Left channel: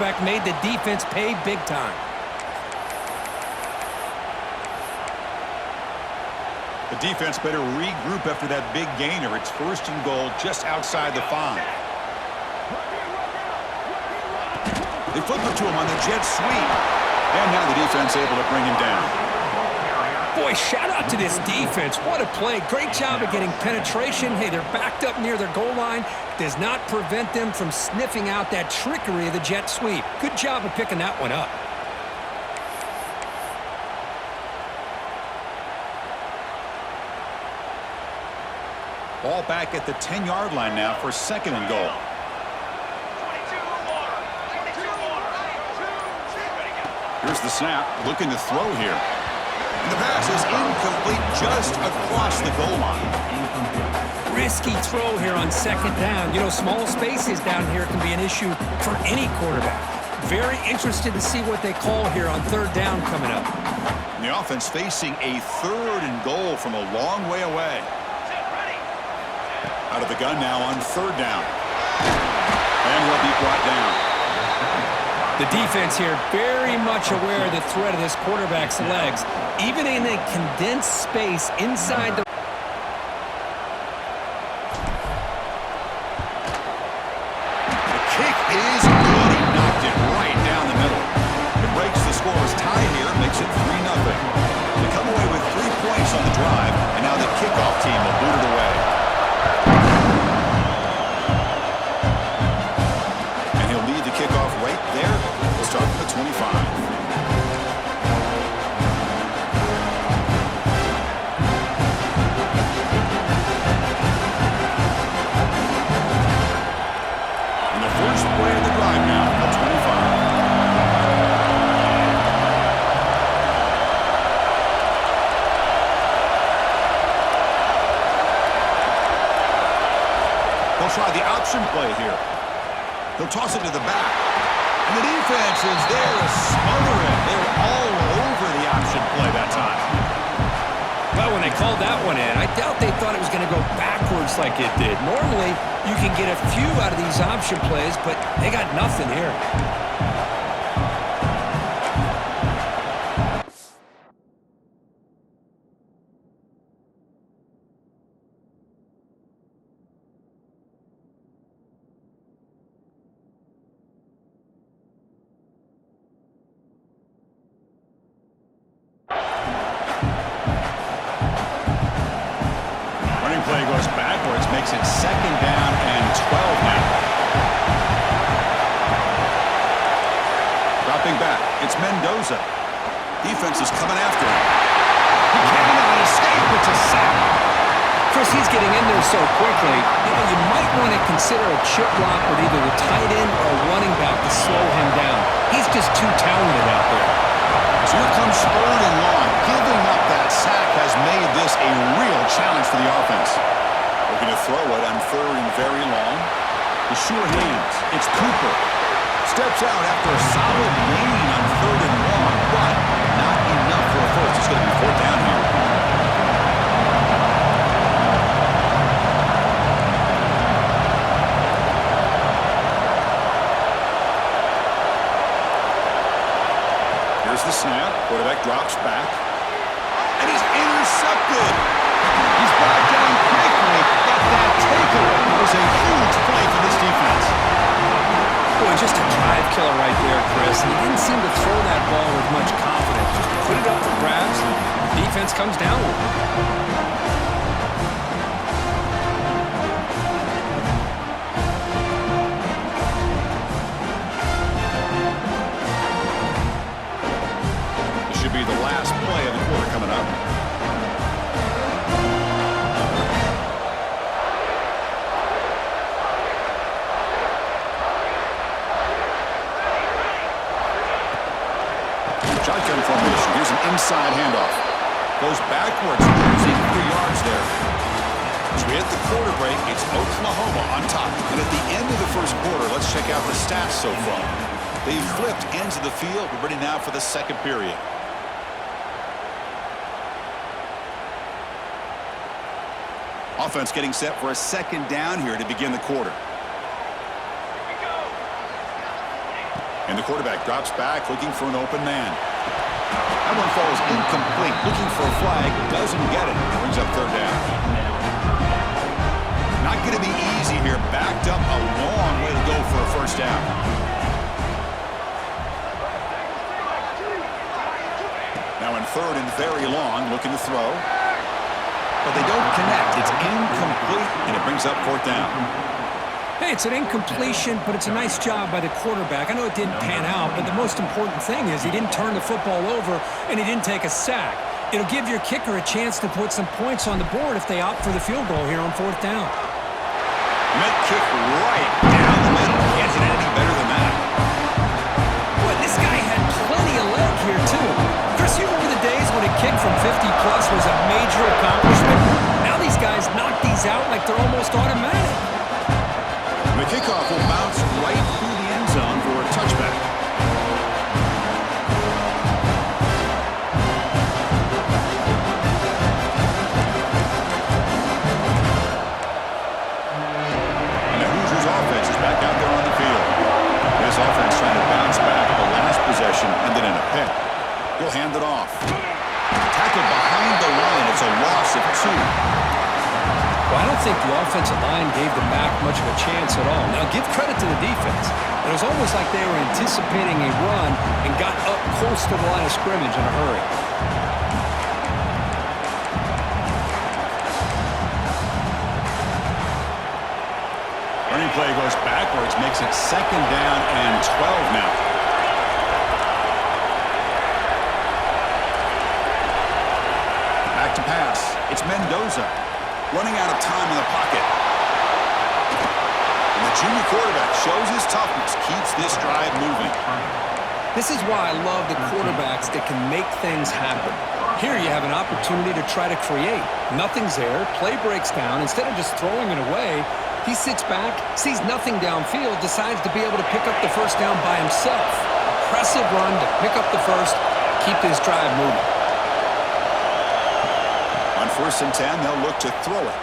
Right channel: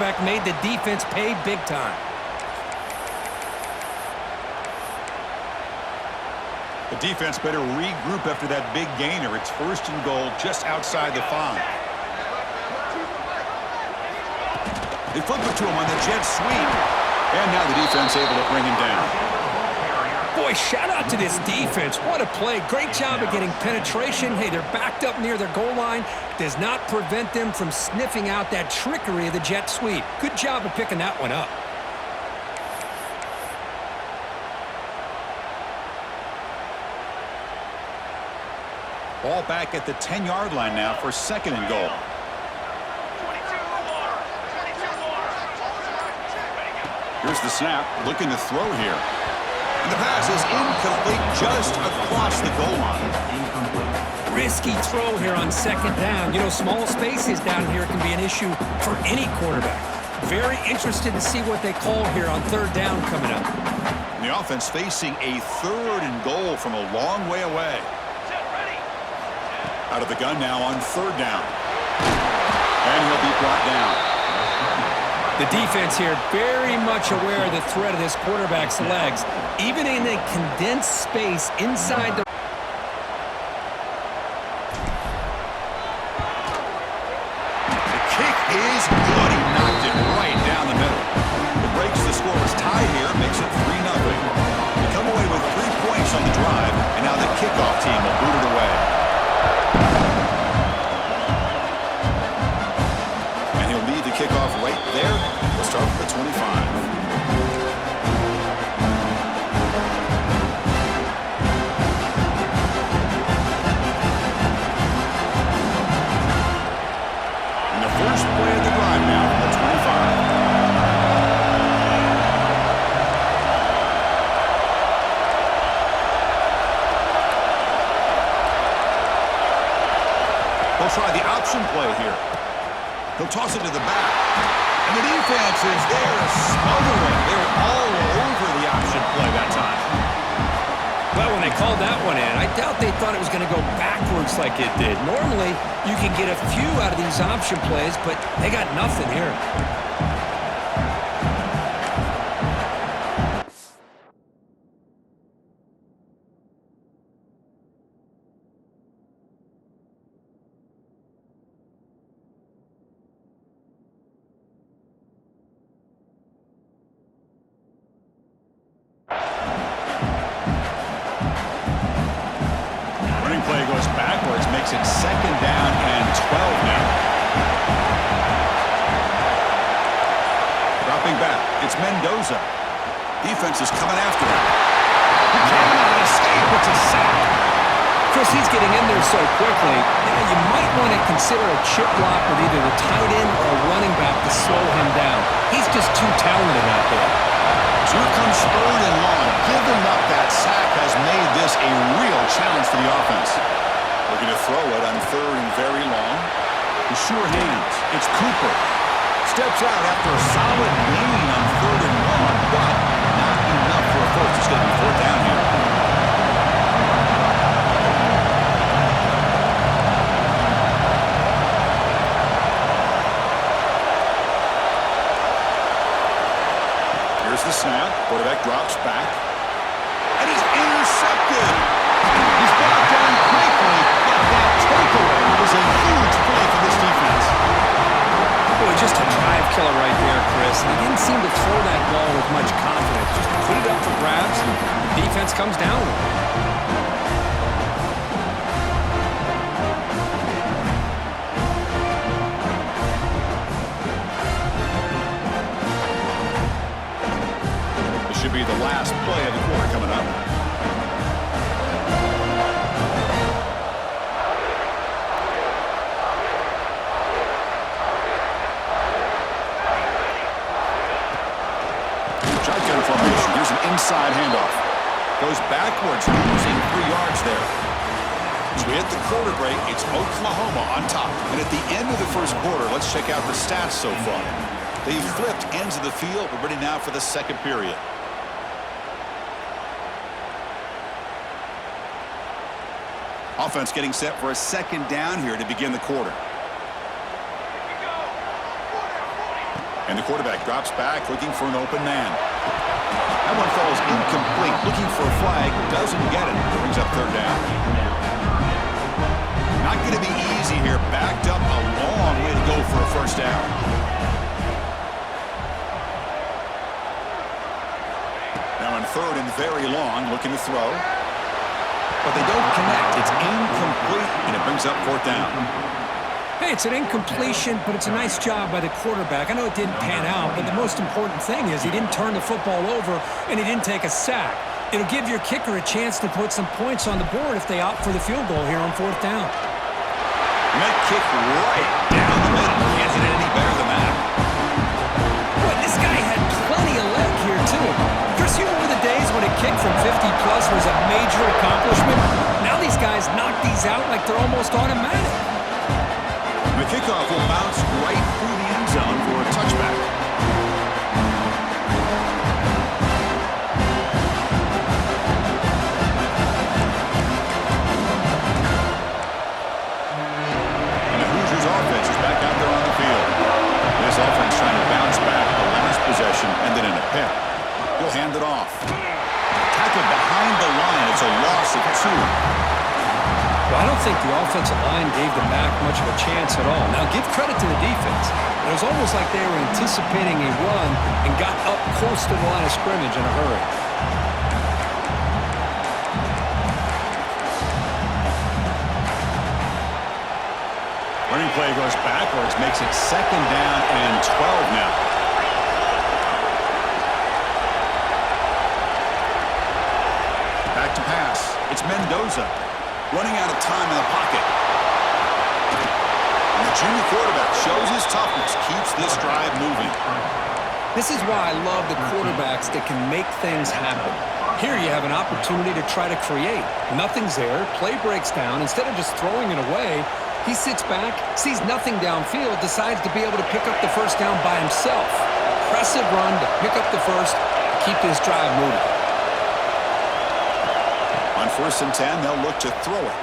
quarterback made the defense pay big time. The defense better regroup after that big gainer. It's 1st and goal just outside the 5. They flip it to him on the jet sweep. And now the defense able to bring him down. Boy, shout out to this defense. What a play. Great job of getting penetration. Hey, they're backed up near their goal line. Does not prevent them from sniffing out that trickery of the jet sweep. Good job of picking that one up. Ball back at the 10-yard line now for 2nd and goal. Here's the snap, looking to throw here. And the pass is incomplete just across the goal line. Risky throw here on 2nd down. You know, small spaces down here can be an issue for any quarterback. Very interested to see what they call here on 3rd down coming up. And the offense facing a 3rd and goal from a long way away. Out of the gun now on 3rd down. And he'll be brought down. The defense here very much aware of the threat of this quarterback's legs. Even in a condensed space inside the... The kick is good. He knocked it right down the middle. It breaks the scoreless tie here, makes it 3-0. They come away with 3 points on the drive, and now the kickoff team will boot it away. And he'll lead the kickoff right there. We'll start from the 25. And the first play of the drive now from the 25. They'll try the option play here. They'll toss it to the back. And the defense is there to smother it. They were all over the option play that time. Well, when they called that one in, I doubt they thought it was going to go backwards like it did. Normally, you can get a few out of these option plays, but they got nothing here. Play goes backwards, makes it 2nd down and 12 now. Dropping back, it's Mendoza. Defense is coming after him. He cannot escape. It's a sack. Chris, he's getting in there so quickly. You know, you might want to consider a chip block with either the tight end or a running back to slow him down. He's just too talented out there. So here comes 3rd and long. Giving up that sack has made this a real challenge for the offense. Looking to throw it on 3rd and very long. The sure hands. It's Cooper. Steps out after a solid gain on 3rd and long, but not enough for a first. It's going to be 4th down here. Here's the snap. Quarterback drops back. And he's intercepted. He's brought down quickly, but that takeaway was a huge play for this defense. Boy, just a drive killer right there, Chris. And he didn't seem to throw that ball with much confidence. Just put it up for grabs, and the defense comes down with it. Should be the last play of the quarter coming up. Shotgun formation. Here's an inside handoff. Goes backwards, losing 3 yards there. As we hit the quarter break, it's Oklahoma on top. And at the end of the first quarter, let's check out the stats so far. They've flipped ends of the field. We're ready now for the second period. Offense getting set for a 2nd down here to begin the quarter. And the quarterback drops back, looking for an open man. That one falls incomplete. Looking for a flag, doesn't get it. Brings up third down. Not going to be easy here. Backed up a long way to go for a first down. Now in third and very long, looking to throw. But they don't connect. It's incomplete, and it brings up fourth down. Hey, it's an incompletion, but it's a nice job by the quarterback. I know it didn't pan out, but the most important thing is he didn't turn the football over and he didn't take a sack. It'll give your kicker a chance to put some points on the board if they opt for the field goal here on fourth down. Net kick right down the middle. Can't hit it any better than that. Boy, this guy had plenty of leg here, too. Chris, you remember the days when a kick from 50-plus was a major accomplishment? Now these guys knock these out like they're almost automatic. The kickoff will bounce right through the end zone for a touchback. And the Hoosiers offense is back out there on the field. This offense trying to bounce back. The last possession ended in a pick. He'll hand it off. Tackled behind the line. It's a loss of 2. Well, I don't think the offensive line gave them back much of a chance at all. Now, give credit to the defense. It was almost like they were anticipating a run and got up close to the line of scrimmage in a hurry. Running play goes backwards, makes it second down and 12 now. Back to pass. It's Mendoza. Running out of time in the pocket. And the junior quarterback shows his toughness, keeps this drive moving. This is why I love the quarterbacks that can make things happen. Here you have an opportunity to try to create. Nothing's there. Play breaks down. Instead of just throwing it away, he sits back, sees nothing downfield, decides to be able to pick up the first down by himself. Impressive run to pick up the first, keep this drive moving. On 1st and 10, they'll look to throw it.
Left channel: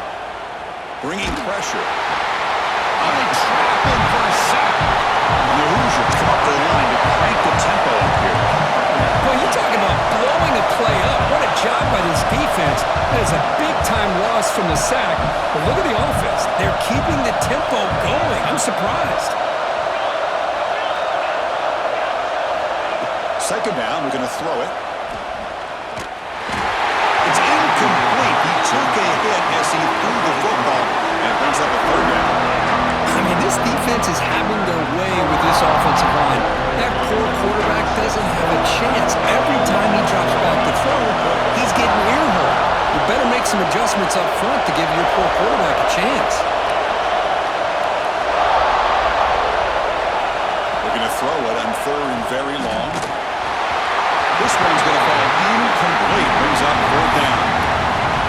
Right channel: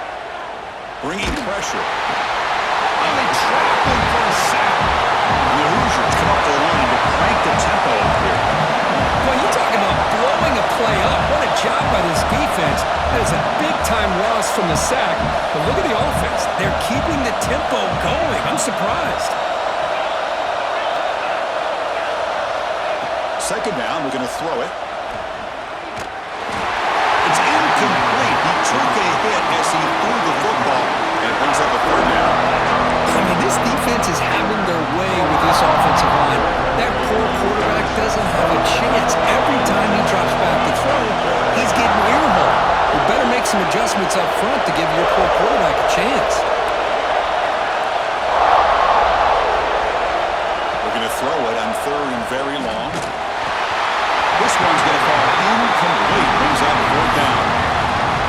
Bringing pressure. Oh, they trap him for a sack. And the Hoosiers come up to the line to crank the tempo up here. Boy, you talk about blowing a play up. What a job by this defense. That is a big-time loss from the sack. But look at the offense. They're keeping the tempo going. I'm surprised. Second down, we're going to throw it. It's incomplete. He took a hit as he threw the football, and it brings up a third down. I mean, this defense is having their way with this offensive line. That poor quarterback doesn't have a chance. Every time he drops back to throw, he's getting earholed. You better make some adjustments up front to give your poor quarterback a chance. We're going to throw it on third and very long. This one's going to fall incomplete. Brings up fourth down.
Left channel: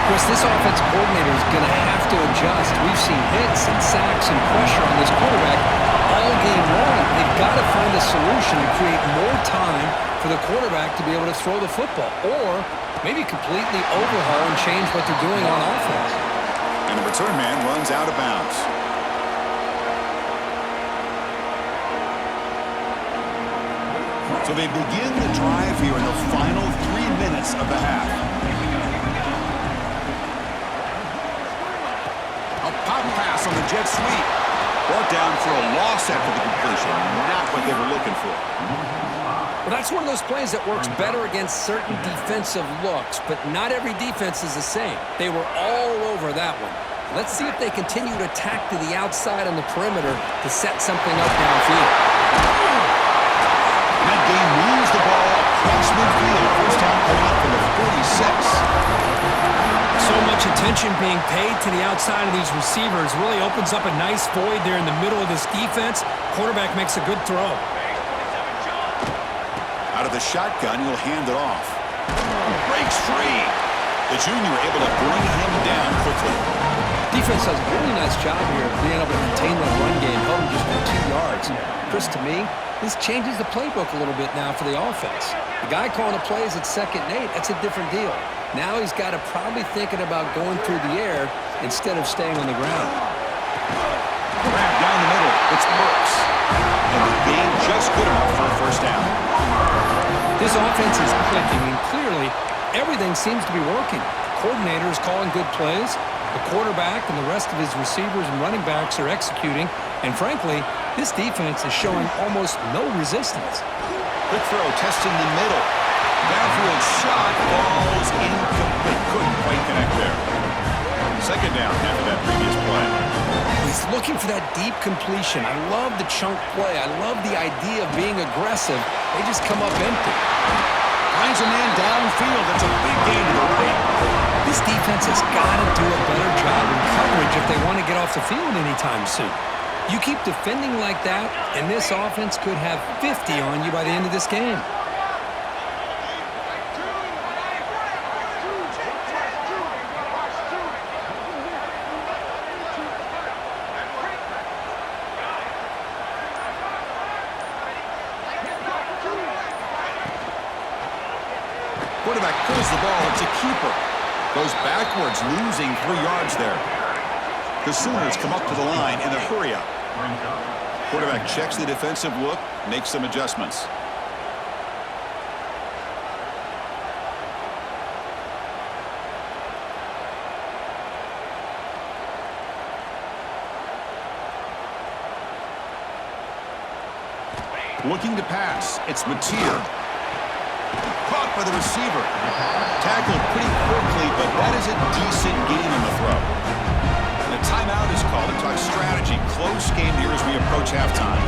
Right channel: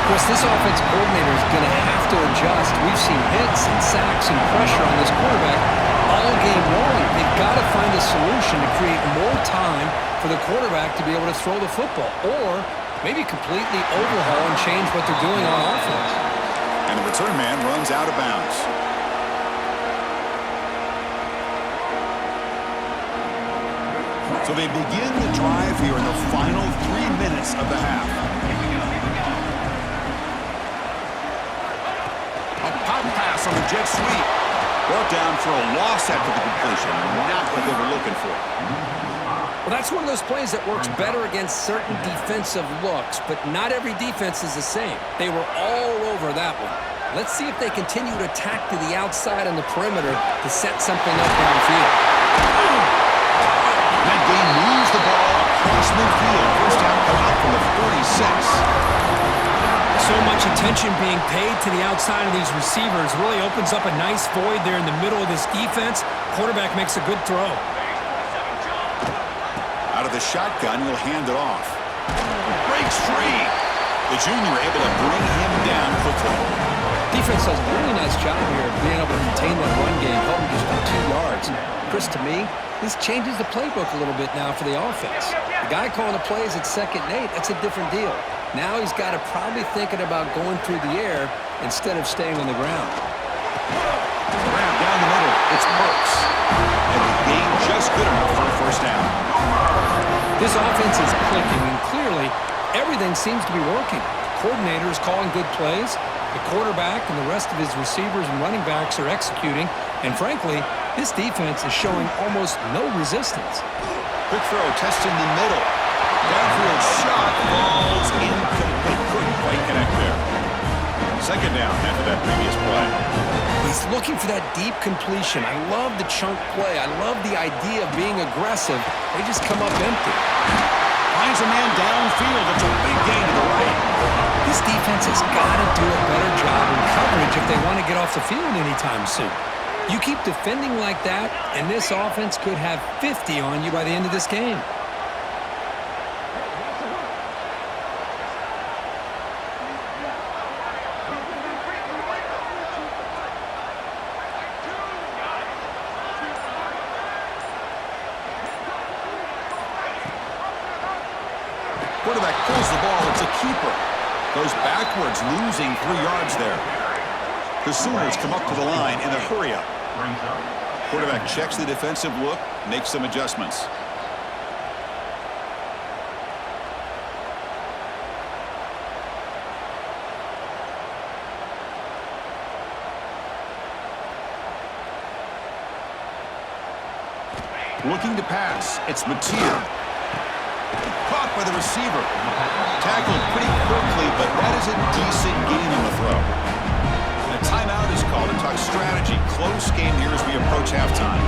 Chris, this offensive coordinator is going to have to adjust. We've seen hits and sacks and pressure on this quarterback all game long. They've got to find a solution to create more time for the quarterback to be able to throw the football, or maybe completely overhaul and change what they're doing on offense. And the return man runs out of bounds. So they begin the drive here in the final 3 minutes of the half. A pop pass on the jet sweep. Brought down for a loss after the completion. Not what they were looking for. Well, that's one of those plays that works better against certain defensive looks, but not every defense is the same. They were all over that one. Let's see if they continue to attack to the outside on the perimeter to set something up downfield. That game moves the ball across midfield. First down coming up from the 46. So much attention being paid to the outside of these receivers really opens up a nice void there in the middle of this defense. Quarterback makes a good throw. Out of the shotgun, he'll hand it off. Breaks free. The junior able to bring him down quickly. Defense does a really nice job here of being able to contain that run game, held him just for 2 yards. Chris, to me, this changes the playbook a little bit now for the offense. The guy calling the plays at 2nd and 8, that's a different deal. Now he's got to probably thinking about going through the air instead of staying on the ground. Grab down the middle. It's Burks. And the game just good enough for a first down. This offense is clicking, and clearly everything seems to be working. The coordinator is calling good plays. The quarterback and the rest of his receivers and running backs are executing. And frankly, this defense is showing almost no resistance. Quick throw, testing the middle. Downfield shot falls incomplete. Couldn't quite connect there. Second down after that previous play. He's looking for that deep completion. I love the chunk play. I love the idea of being aggressive. They just come up empty. Finds a man downfield. That's a big gain to the right. This defense has got to do a better job in coverage if they want to get off the field anytime soon. You keep defending like that, and this offense could have 50 on you by the end of this game. Quarterback pulls the ball. It's a keeper. Goes backwards, losing 3 yards there. The Sooners come up to the line in a hurry-up. Quarterback checks the defensive look, makes some adjustments. Looking to pass. It's Mateer. Caught by the receiver. Tackled pretty quickly, but that is a decent gain on the throw. And a timeout is called to talk strategy. Close game here as we approach halftime.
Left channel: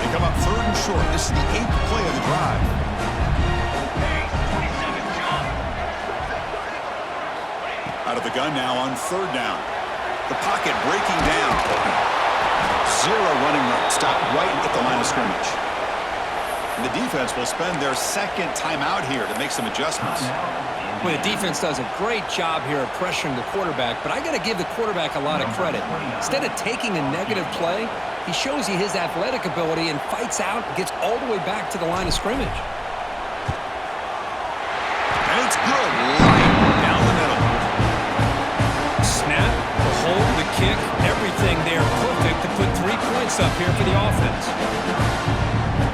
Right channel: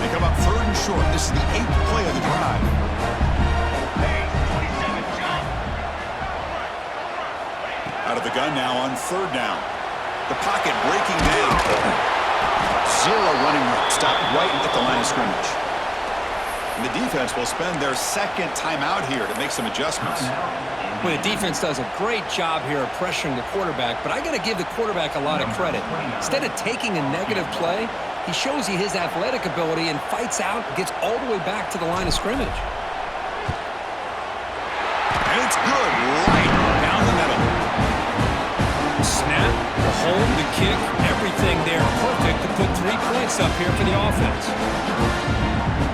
They come up 3rd and short. This is the 8th play of the drive. Out of the gun now on 3rd down. The pocket breaking down. 0 running room. Stopped right at the line of scrimmage. And the defense will spend their 2nd timeout here to make some adjustments. Well, the defense does a great job here of pressuring the quarterback, but I got to give the quarterback a lot of credit. Instead of taking a negative play, he shows you his athletic ability and fights out and gets all the way back to the line of scrimmage. And it's good. Right down the middle. Snap, the hold, the kick, everything there perfect to put 3 points up here for the offense.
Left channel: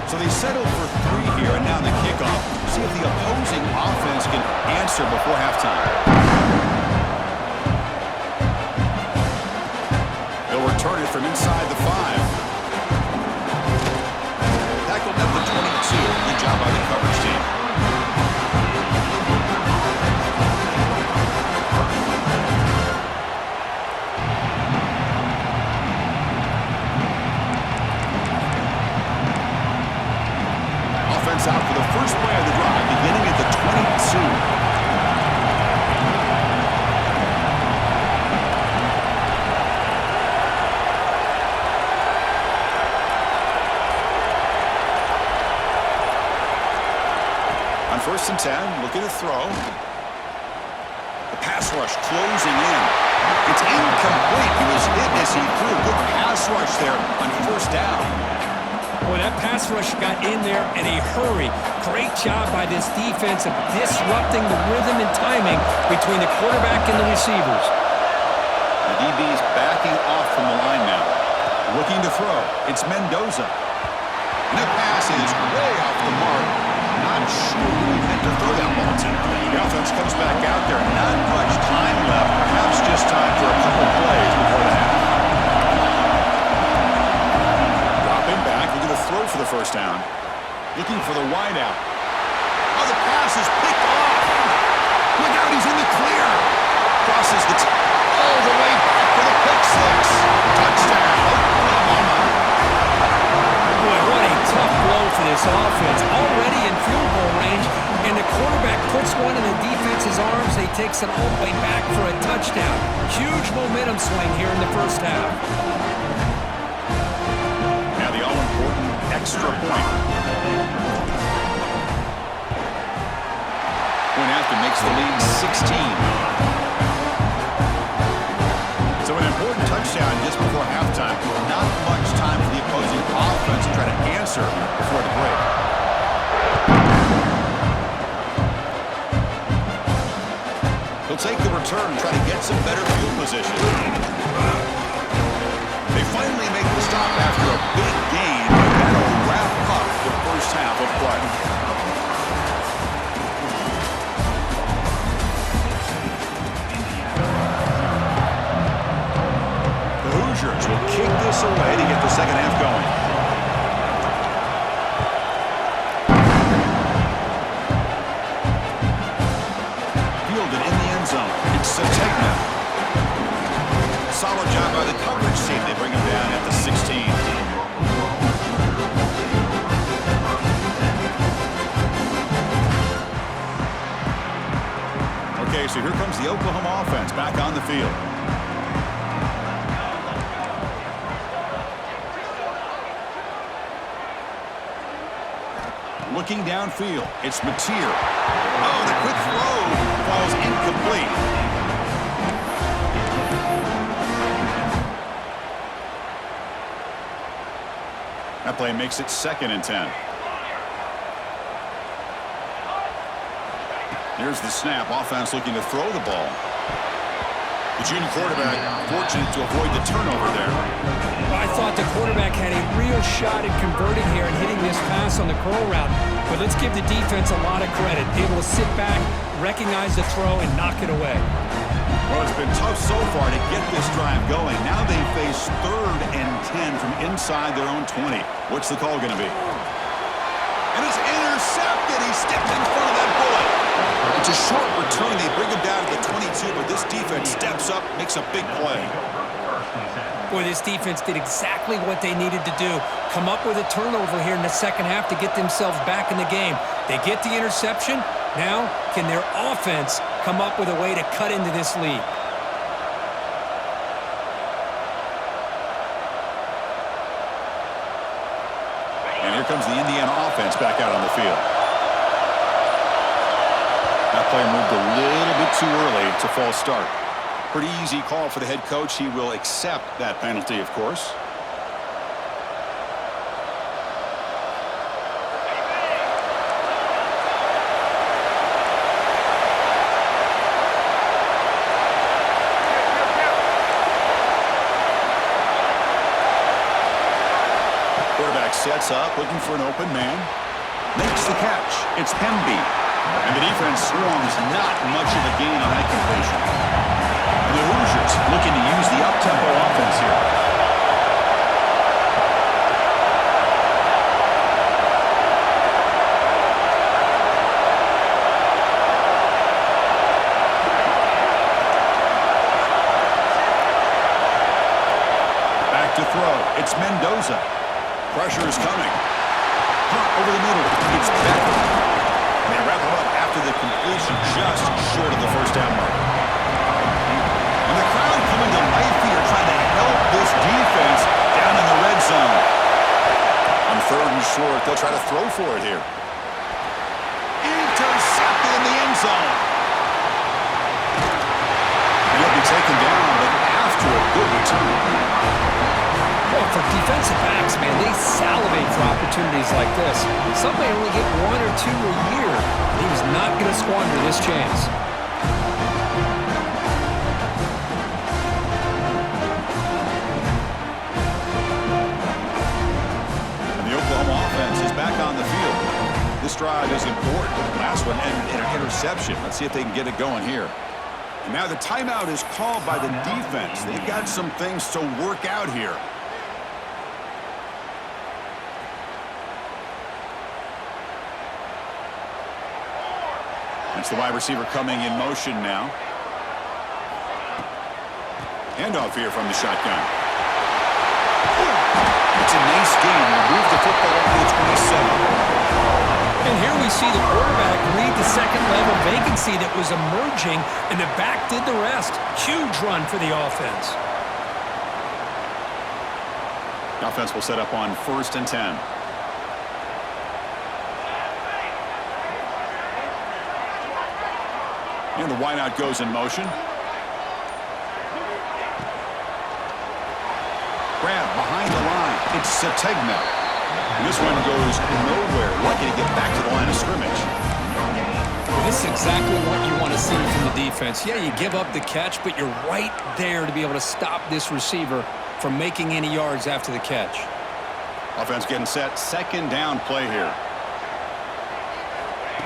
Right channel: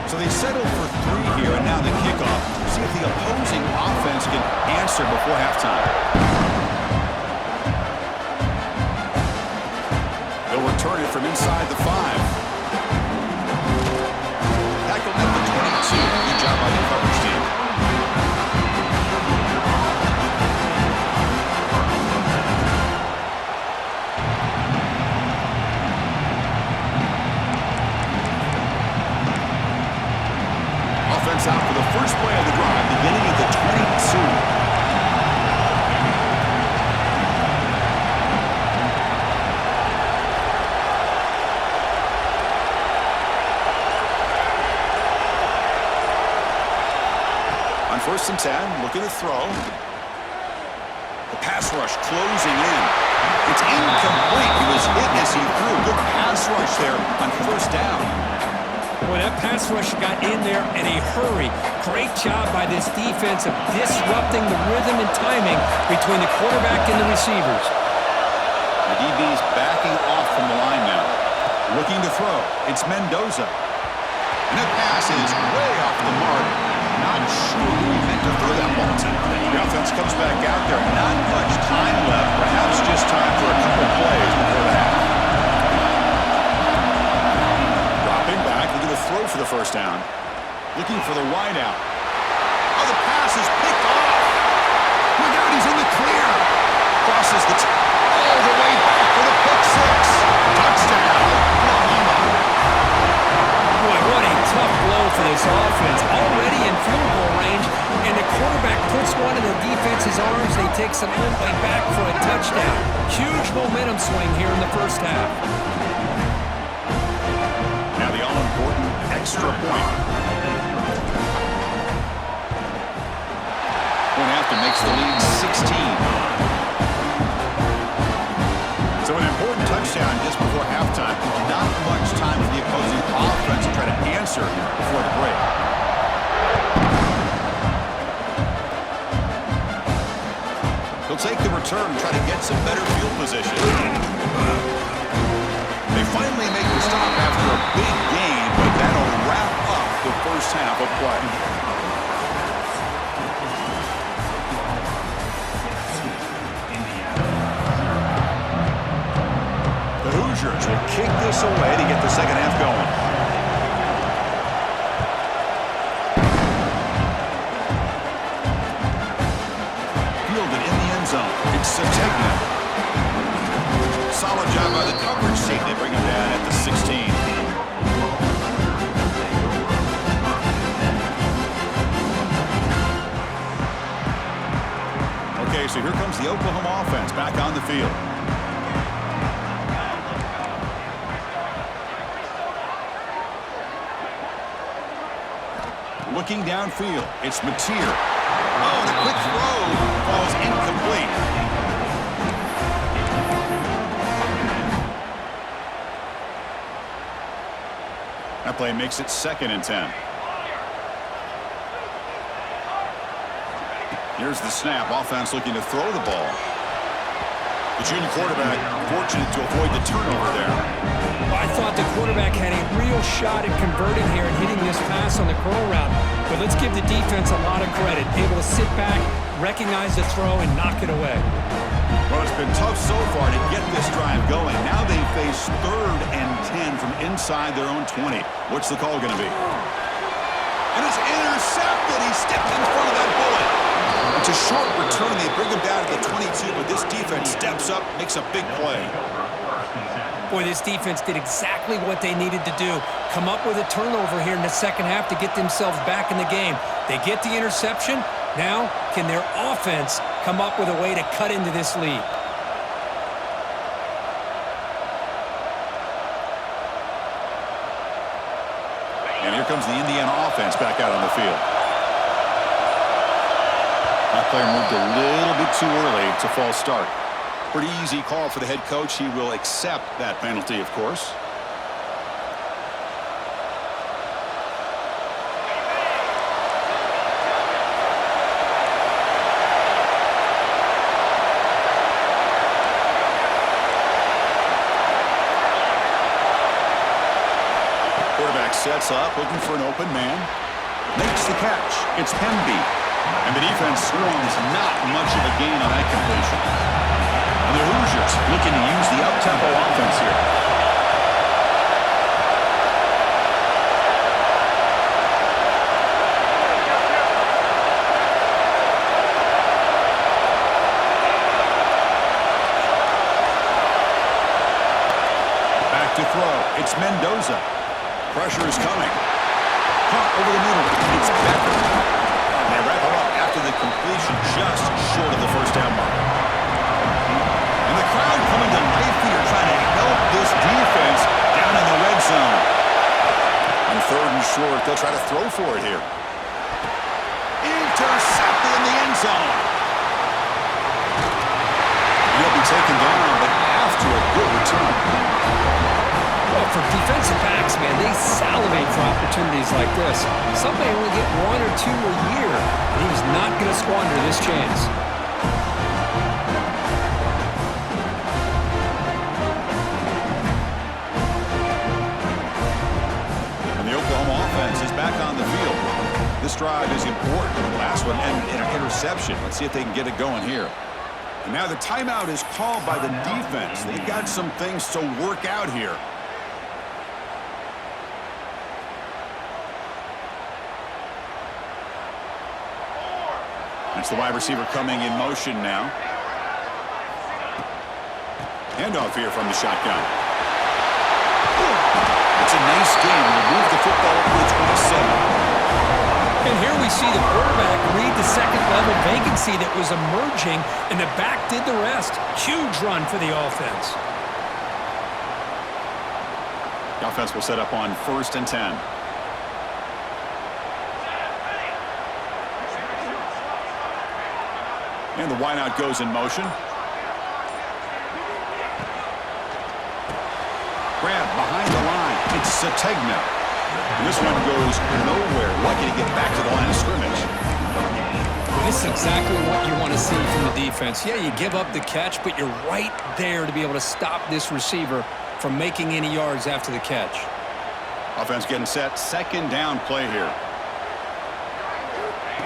So they settled for 3 here, and now the kickoff. See if the opposing offense can answer before halftime. They'll return it from inside the 5. Tackled at the 22. Good job by the coverage team. Offense out for the first play of the drive, beginning at the 22. On 1st and 10, looking to throw. The pass rush closing in. It's incomplete. He was hit as he threw. Good pass rush there on 1st down. Boy, that pass rush got in there in a hurry. Great job by this defense of disrupting the rhythm and timing between the quarterback and the receivers. The DB's backing off from the line now. Looking to throw. It's Mendoza. And the pass is way off the mark. Not sure who he meant to throw that ball to. The offense comes back out there. Not much time left. Perhaps just time for a couple plays before the half. Dropping back, looking to throw for the first down. Looking for the wideout. Oh, the pass is picked off. Look out, he's in the clear. Crosses all the way back for the pick 6. Touchdown, Oklahoma. Boy, what a tough blow for this offense. Already in field goal range, and the quarterback puts one in the defense's arms, and he takes it all the way back for a touchdown. Huge momentum swing here in the first half. Now the all-important extra point. Point after makes the lead 16. So an important touchdown just before halftime. Not much time for the opposing offense to try to answer before the break. He'll take the return and try to get some better field position. They finally make the stop after a big gain, but that'll wrap up the first half of play. The Hoosiers will kick this away to get the second half going. Fielded in the end zone. It's Sategna. Solid job by the coverage team. They bring him down at the 16. Okay, so here comes the Oklahoma offense back on the field. Looking downfield, it's Mateer. Oh, the quick throw falls incomplete. That play makes it 2nd and 10. Here's the snap. Offense looking to throw the ball. The junior quarterback fortunate to avoid the turnover there. Well, I thought the quarterback had a real shot at converting here and hitting this pass on the curl route. But let's give the defense a lot of credit. Able to sit back, recognize the throw, and knock it away. Well, it's been tough so far to get this drive going. Now they face 3rd and 10 from inside their own 20. What's the call going to be? And it's intercepted. He stepped in front of that bullet. It's a short return. They bring him down to the 22, but this defense steps up, makes a big play. Boy, this defense did exactly what they needed to do. Come up with a turnover here in the second half to get themselves back in the game. They get the interception. Now, can their offense come up with a way to cut into this lead? And here comes the Indiana offense back out on the field. That player moved a little bit too early. It's a false start. Pretty easy call for the head coach. He will accept that penalty, of course. Quarterback sets up, looking for an open man. Makes the catch. It's Hemby. And the defense swarms not much of a gain on that completion. And the Hoosiers looking to use the up-tempo offense here. Back to throw. It's Mendoza. Pressure is coming. Caught over the middle. It's Becker. And they wrap him up after the completion just short of the first down mark. And the crowd coming to life here trying to help this defense down in the red zone. On 3rd and short, they'll try to throw for it here. Intercepted in the end zone. And he'll be taken down, but after a good return. Well, for defensive backs, man, they salivate for opportunities like this. Some may only get 1 or 2 a year, and he was not going to squander this chance. And the Oklahoma offense is back on the field. This drive is important. Last one ended in an interception. Let's see if they can get it going here. And now the timeout is called by the defense. They've got some things to work out here. That's the wide receiver coming in motion now. Handoff here from the shotgun. It's a nice game to move the football up to the 27. And here we see the quarterback read the second-level vacancy that was emerging, and the back did the rest. Huge run for the offense. The offense will set up on 1st and 10. And the wideout goes in motion. Grab behind the line. It's Sategna. And this one goes nowhere. Lucky to get back to the line of scrimmage. This is exactly what you want to see from the defense. Yeah, you give up the catch, but you're right there to be able to stop this receiver from making any yards after the catch. Offense getting set. Second down play here.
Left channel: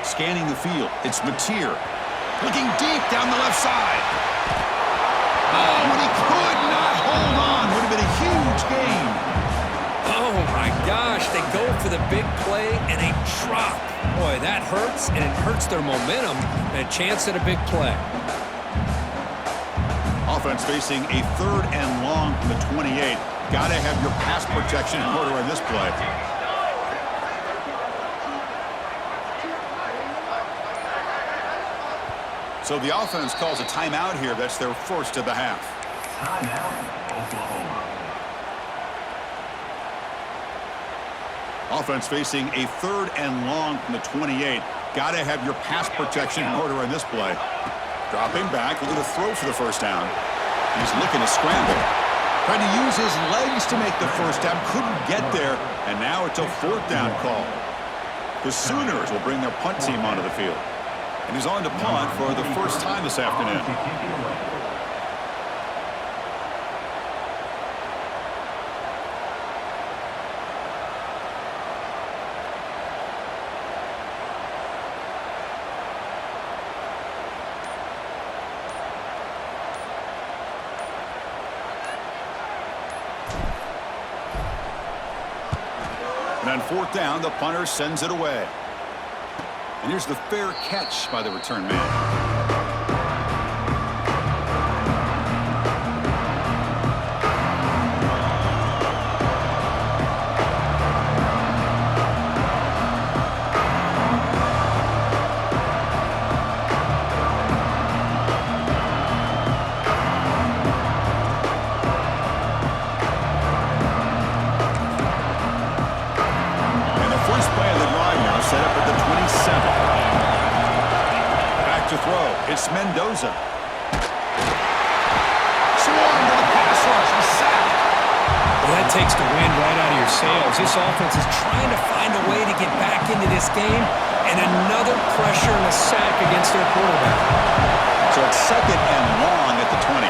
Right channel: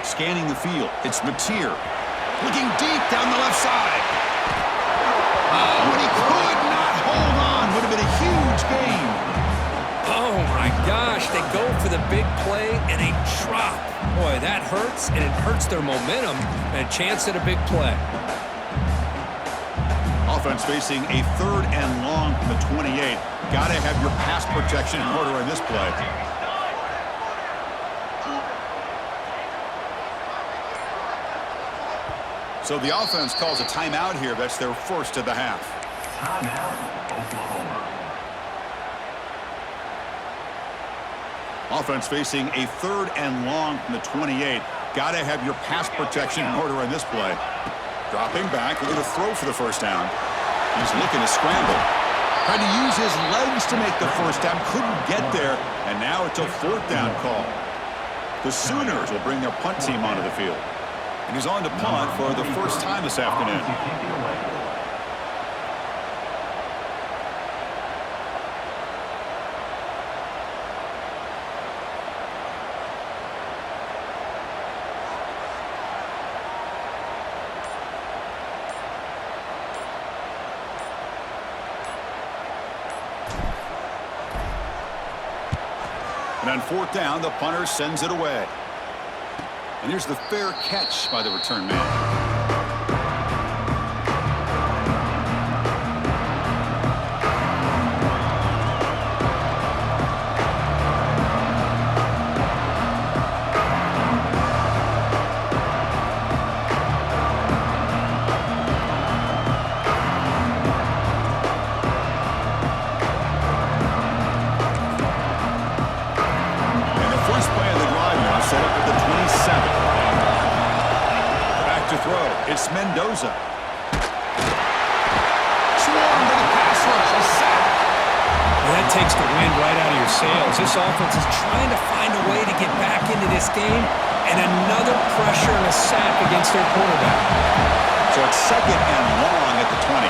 Scanning the field. It's Mateer. Looking deep down the left side. Oh, and he could not hold on. Would have been a huge gain. Oh, my gosh. They go for the big play, and they drop. Boy, that hurts, and it hurts their momentum and a chance at a big play. Offense facing a 3rd and long from the 28. Got to have your pass protection in order in this play. So the offense calls a timeout here. That's their first of the half. Timeout, Oklahoma. Offense facing a 3rd and long from the 28. Got to have your pass protection in order in this play. Dropping back, looking to throw for the first down. He's looking to scramble. Trying to use his legs to make the first down. Couldn't get there, and now it's a 4th down call. The Sooners will bring their punt team onto the field. And he's on to punt for the first time this afternoon. And on 4th down, the punter sends it away. And here's the fair catch by the return man. Set up at the 27. Back to throw. It's Mendoza. Swarm to the pass rush. A sack. Well, that takes the wind right out of your sails. This offense is trying to find a way to get back into this game, and another pressure and a sack against their quarterback. So it's 2nd and long at the 20.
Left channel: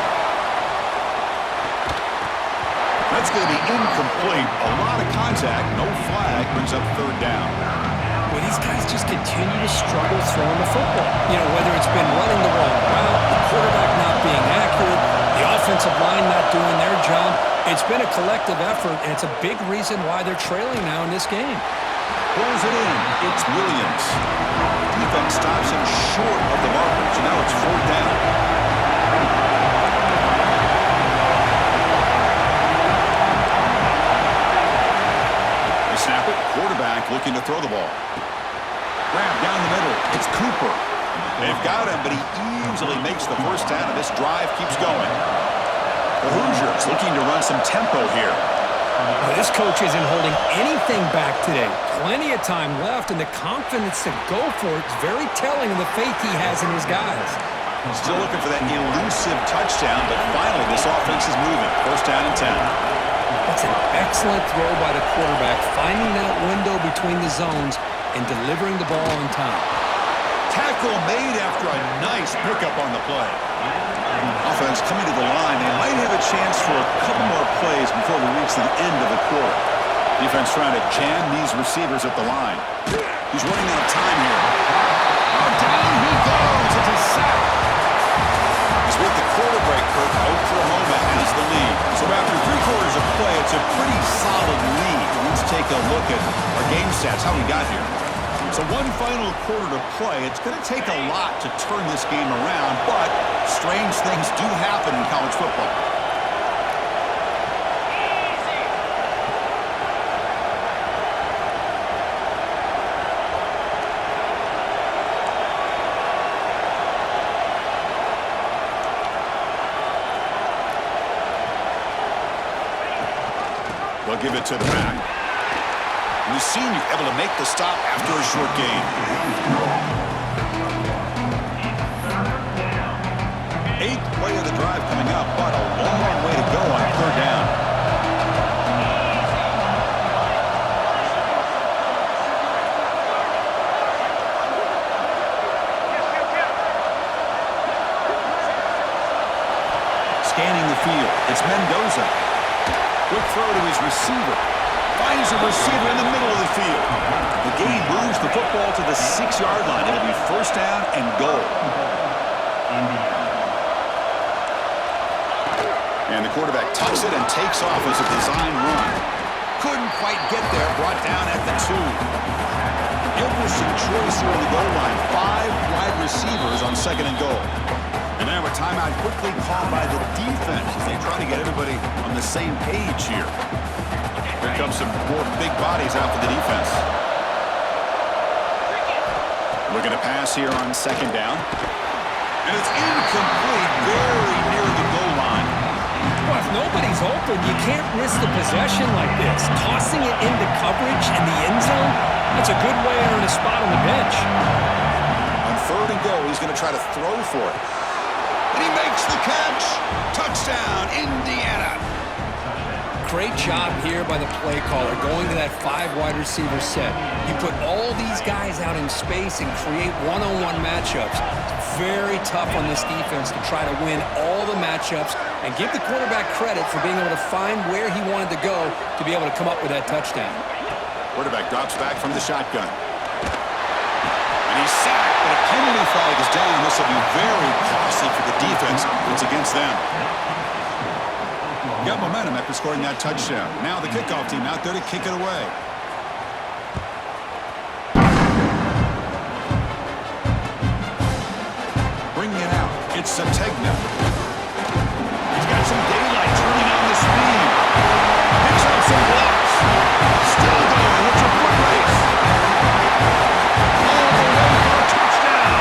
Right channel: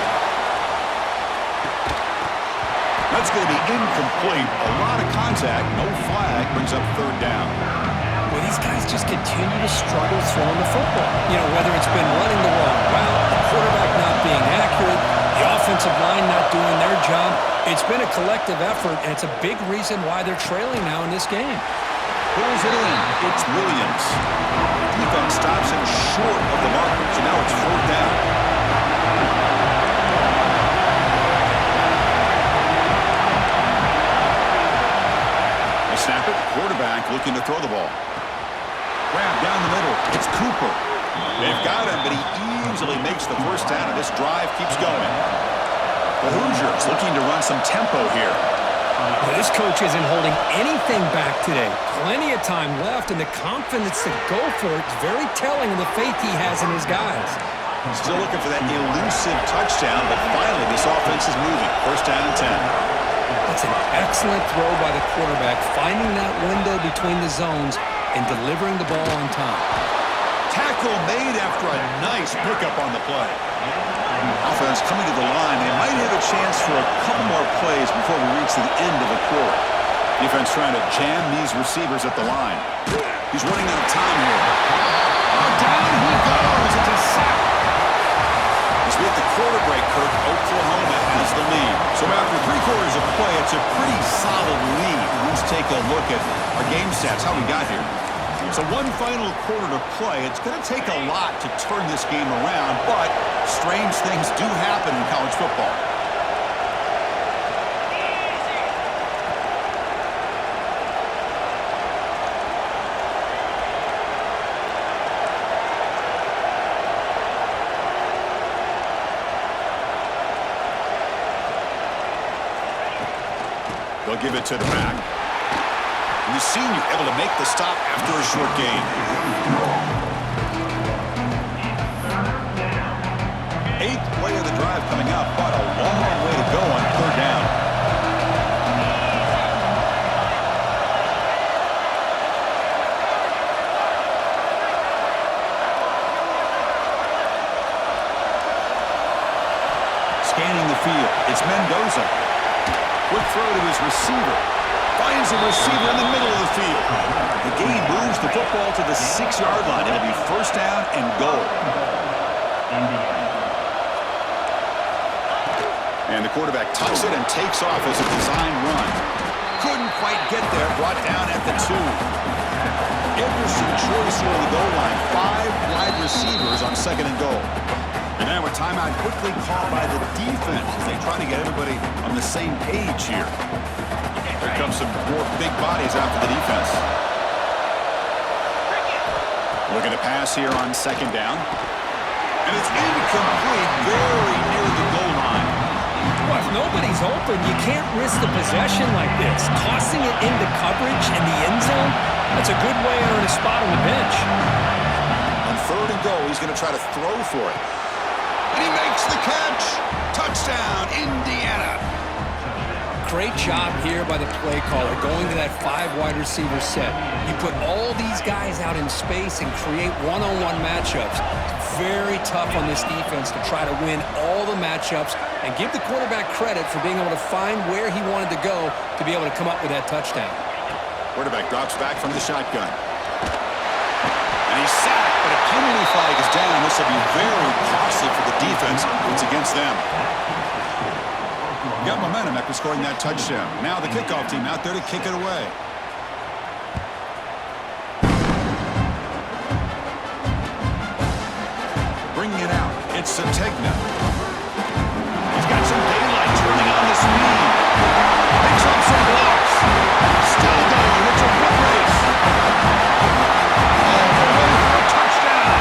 That's going to be incomplete. A lot of contact. No flag. Brings up 3rd down. Well, these guys just continue to struggle throwing the football. You know, whether it's been running the wrong route, the quarterback not being accurate, the offensive line not doing their job. It's been a collective effort, and it's a big reason why they're trailing now in this game. Pulls it in. It's Williams. Defense stops him short of the marker, so now it's 4th down. They snap it. Quarterback looking to throw the ball. Grab down the middle. It's Cooper. They've got him, but he easily makes the first down, and this drive keeps going. The Hoosiers looking to run some tempo here. Well, this coach isn't holding anything back today. Plenty of time left, and the confidence to go for it is very telling of the faith he has in his guys. Still looking for that elusive touchdown, but finally this offense is moving. First down and 10. That's an excellent throw by the quarterback, finding that window between the zones and delivering the ball on time. Tackle made after a nice pickup on the play. Offense coming to the line. They might have a chance for a couple more plays before we reach the end of the quarter. Defense trying to jam these receivers at the line. He's running out of time here. Oh, down he goes. It's a sack. As we hit the quarter break, Kirk, Oklahoma has the lead. So after 3 quarters of play, it's a pretty solid lead. Let's take a look at our game stats, how we got here. So one final quarter to play. It's going to take a lot to turn this game around, but strange things do happen in college football. They'll give it to the back. And the senior able to make the stop after a short gain. 8th play of the drive coming up, but a long way to go on 3rd down. scanning the field. It's Mendoza. Quick throw to his receiver. Finds a receiver in the middle of the field. The game moves the football to the 6-yard line. It'll be first down and goal. And the quarterback tucks it and takes off as a design run. Couldn't quite get there. Brought down at the 2. Interesting choice here on the goal line. 5 wide receivers on second and goal. And now a timeout quickly called by the defense as they try to get everybody on the same page here. Here comes some more big bodies out for the defense. Looking to pass here on second down. And it's incomplete, very near the goal line. Well, if nobody's open, you can't risk the possession like this. Tossing it into coverage in the end zone, that's a good way to earn a spot on the bench. On third and goal, he's going to try to throw for it. And he makes the catch. Touchdown, Indiana. Great job here by the play caller, going to that 5 wide receiver set. You put all these guys out in space and create one-on-one matchups. It's very tough on this defense to try to win all the matchups and give the quarterback credit for being able to find where he wanted to go to be able to come up with that touchdown. Quarterback drops back from the shotgun. And he's sacked, but a penalty flag is down. This will be very costly for the defense. It's against them. Got momentum after scoring that touchdown. Now the kickoff team out there to kick it away. Bringing it out. It's Sategna. He's got some daylight turning on the speed. Picks up some blocks. Still going. It's a foot race. All the way for a touchdown.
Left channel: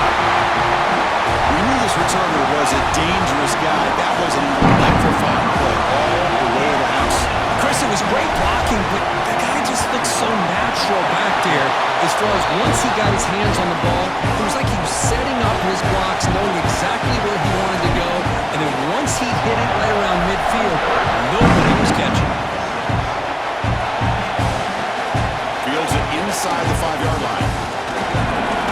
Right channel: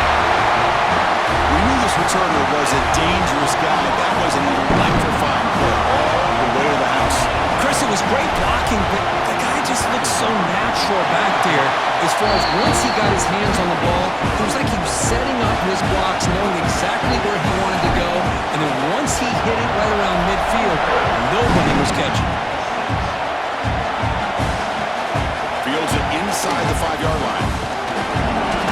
We knew this returner was a dangerous guy. That was an electrifying play all the way to the house. Chris, it was great blocking, but the guy just looked so natural back there as far as once he got his hands on the ball, it was like he was setting up his blocks, knowing exactly where he wanted to go, and then once he hit it right around midfield, nobody was catching it. Fields it inside the 5-yard line.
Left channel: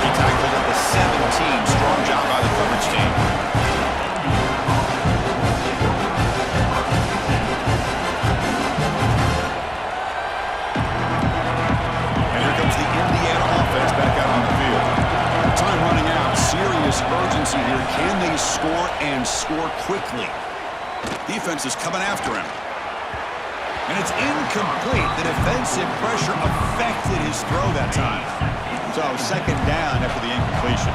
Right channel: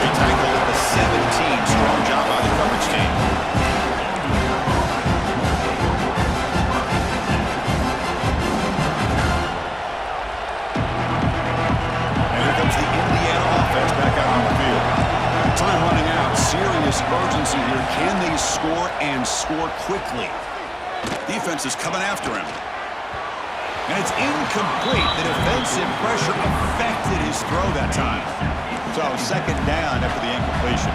He tackled at the 17. Strong job by the coverage team. And here comes the Indiana offense back out on the field. Time running out. Serious urgency here. Can they score and score quickly? Defense is coming after him. And it's incomplete. The defensive pressure affected his throw that time. So second down after the incompletion.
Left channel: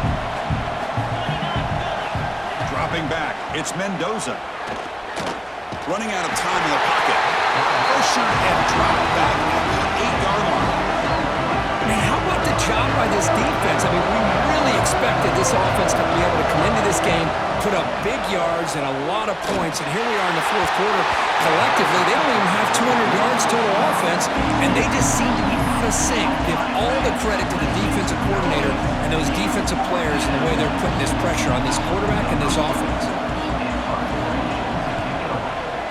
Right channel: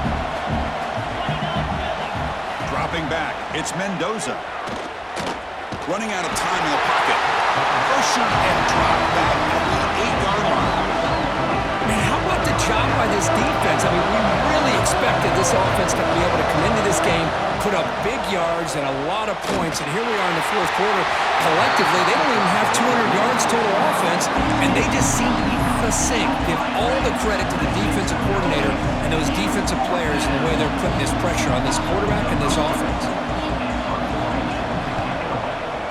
Dropping back. It's Mendoza. Running out of time in the pocket. Pressured and dropped back at the 8-yard line. Man, how about the job by this defense? I mean, we really expected this offense to be able to come into this game, put up big yards and a lot of points, and here we are in the fourth quarter. Collectively, they don't even have 200 yards total offense, and they just seem to be out of sync. Give all the credit to the defensive coordinator and those defensive players and the way they're putting this pressure on this quarterback and this offense.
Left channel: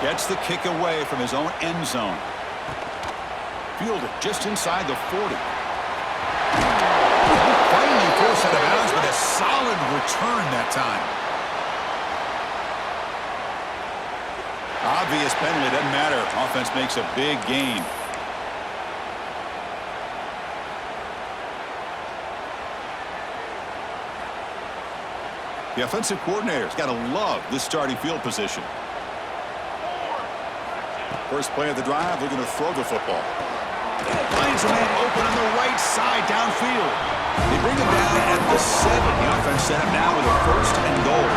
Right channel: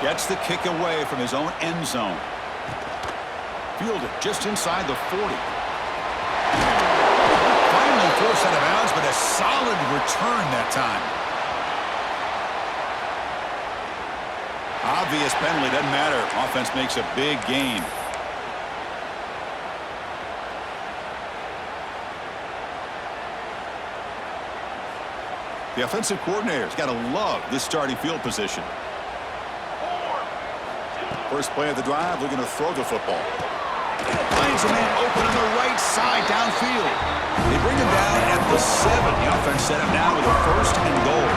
Gets the kick away from his own end zone. Fielded just inside the 40. Finally forced out of bounds, but a solid return that time. Obvious penalty, doesn't matter. Offense makes a big gain. The offensive coordinator's got to love this starting field position. First play of the drive, looking to throw the football. Finds a man open on the right side downfield. They bring him down at the 7. The offense set up now with a first and goal.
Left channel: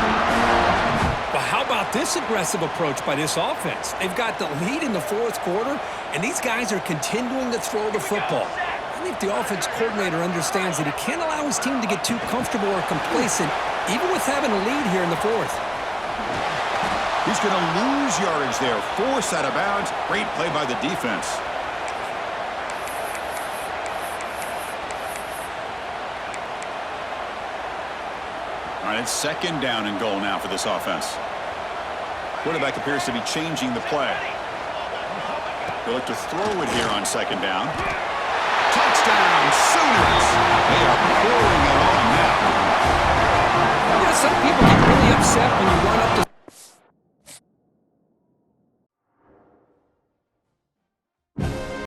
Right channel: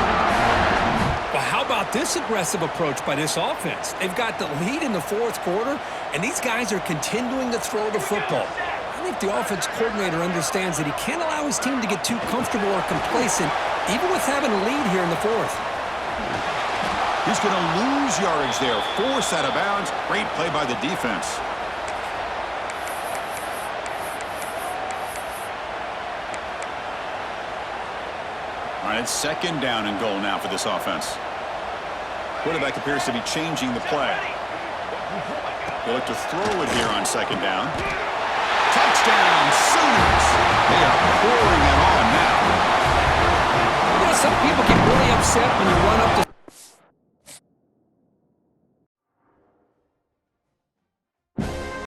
Well, how about this aggressive approach by this offense? They've got the lead in the fourth quarter, and these guys are continuing to throw the football. I think the offense coordinator understands that he can't allow his team to get too comfortable or complacent, even with having a lead here in the fourth. He's going to lose yardage there. Forced out of bounds. Great play by the defense. All right, it's second down and goal now for this offense. Quarterback appears to be changing the play. They look to throw it here on second down. Touchdown, Sooners! They are pouring it on now. You know, some people get really upset when you run up to